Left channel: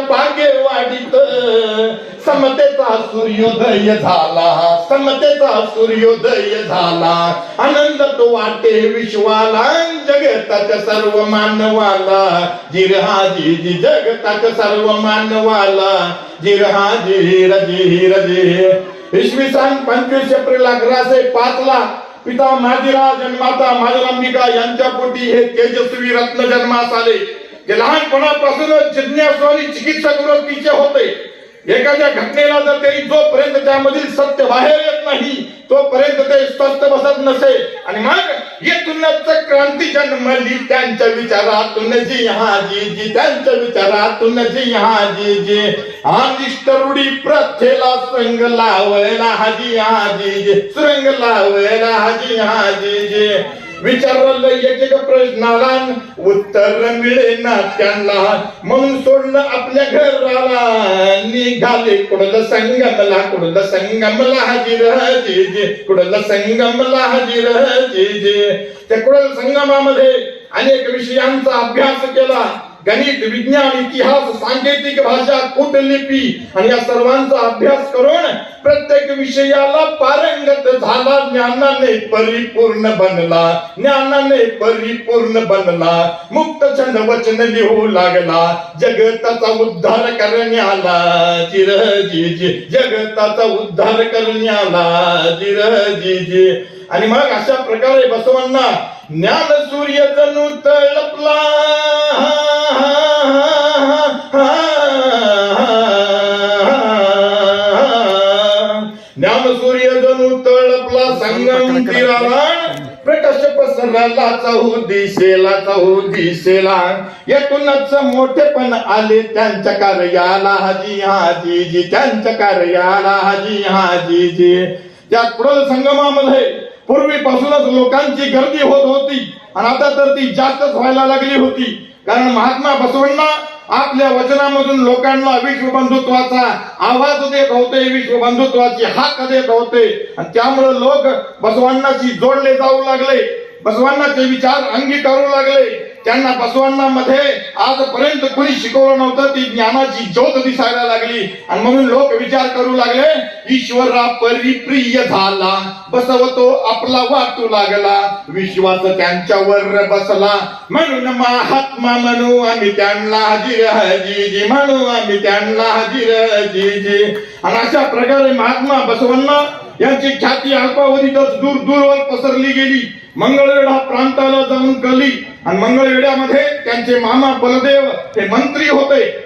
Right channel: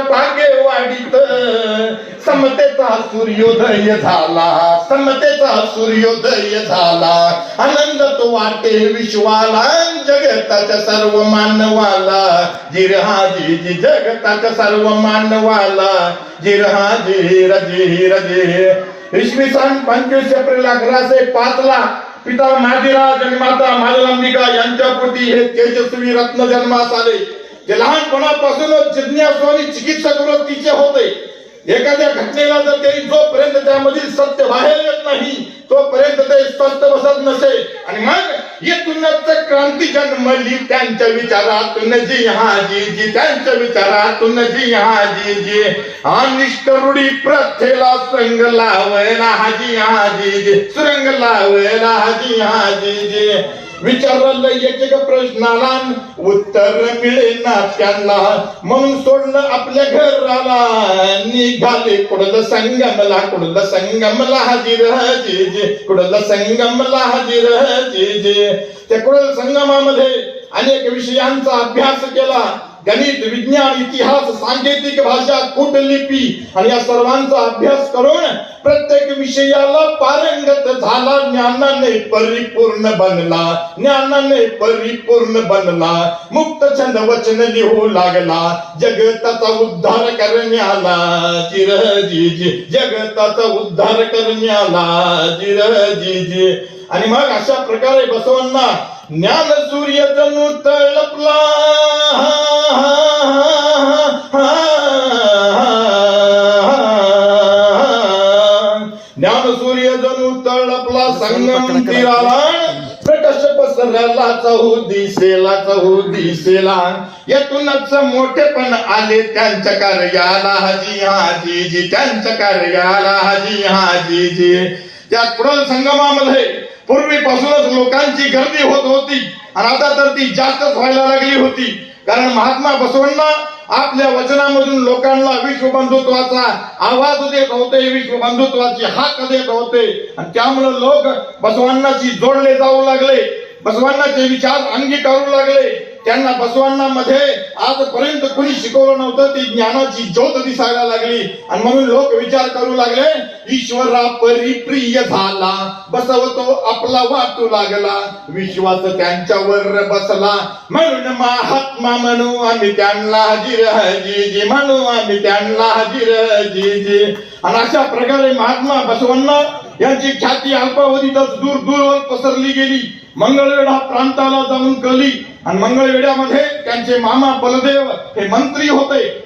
भाग्यवाडीत समतेचा सूर्योदय झाला, समतेचा सूर्योदय झाला. आनंद तो वाटे विश्वाला, जगताच्या सर्व मानवाला. जिरहाजी जी जगताच्या सर्व मानवाला. जिरहाजी रजी रजी. इसवी सन 25 एप्रिल 1105 ला पिता माजीराज आणि माता मालंबिका यांच्या पोटी हे तेजस्वी रत्न जन्मास आले. जे लहानपणापासूनच जिज्ञासू आणि चिकित्सक वृत्तीचे होते. एखाद्या घटनेला जर त्यांनी जोपर्यंत त्यामधील सत्य बाहेर येत नाही तोपर्यंत ते स्वस्थ बसत नसे. आणि मग येथूनच क्रांती जन्मली त्यांच्या विचारातून. जी हाजी जी त्यांच्या विचारातून. जी हाजी जी. अनिष्ट रूढी प्रथेला सुरंग लावायला हाजी हाजी जी. सुरंग लावायला हाजी हाजी जी. विचारलं एक एक प्रश्नाला उत्तर मिळेना त्यांना. म्हणून सोडलं आपल्या घराला, निघाले कुडल संगमला. कुडल संगमला हाजीर जी जी. कुडल संगमला हाजीर जी जी. त्या कुडल संगमामध्ये अनेक विषयांचा अभ्यास केला. गणित, विज्ञान, इतिहास, सांकेतिक भाषा, कूटलिपी आणि या सर्वांचा अभ्यास करून प्रत्येक विषयाला पारंगत झाला. ज्ञानाने परिपूर्ण बनला. ज्ञानाने परिपूर्ण बनला. मुक्त छंद वचन लिहू लागला. जगताचा उद्धार करण्याला. जिरजी जी. जगताचा उद्धार करण्याला. जिरजी जी. आणि मग अशा प्रकारे बसवांना ज्ञान सूर्य जणू तळपला. ज्ञान सूर्य जणू तळपला संगम तीराला. प्रकाश पसरला चहू दिशेला. चहू दिशेला. यातूनच मोठेपण आले त्यांच्या कार्याला. हाजी हाजी जी. त्यांच्या कार्याला. हाजी हाजी जी. त्या कुडल संगमामध्ये पूर्वीपासूनच लोकांची गर्दी होत होती आणि आता तर ती जास्तच व्हायला लागली होती. कारण महात्मा बसवांना आपल्या वचनामधून लोकांना विश्वबंधुत्वाचा आवाज देत होते, विश्वबंधुत्वाची हाक देत होते. आणि त्यामुळे लोक बसवांनाशी जोडले जाऊ लागले. बसवांनाचे विचार अंगीकारू लागले. त्यांना बसवांना मध्ये आजपर्यंत कोणी शिकवलं नव्हतं ती ज्ञानाची ज्योत दिसायला लागली. आणि म्हणून लोक विचार करू लागले, ईश्वरा परिप्रिय झाला. बसवतो आपला वाटू लागला. विश्वास त्यांच्यावर बसला. म्हणून महात्मा म्हणू आम्ही त्यांना हजीर हजी जी. म्हणू आम्ही त्यांना हजीर हजी जी. आणि अशा प्रकारे महात्मा बसवांना यांची ख्याती अल्पावधीतच दूर दूरवर पसरली गेली. मंगळवेढा प्रांताला जाऊन कळली. आणि मंगळवेढ्यामध्ये त्यांचे मामा बलदेव हे मंत्री होते.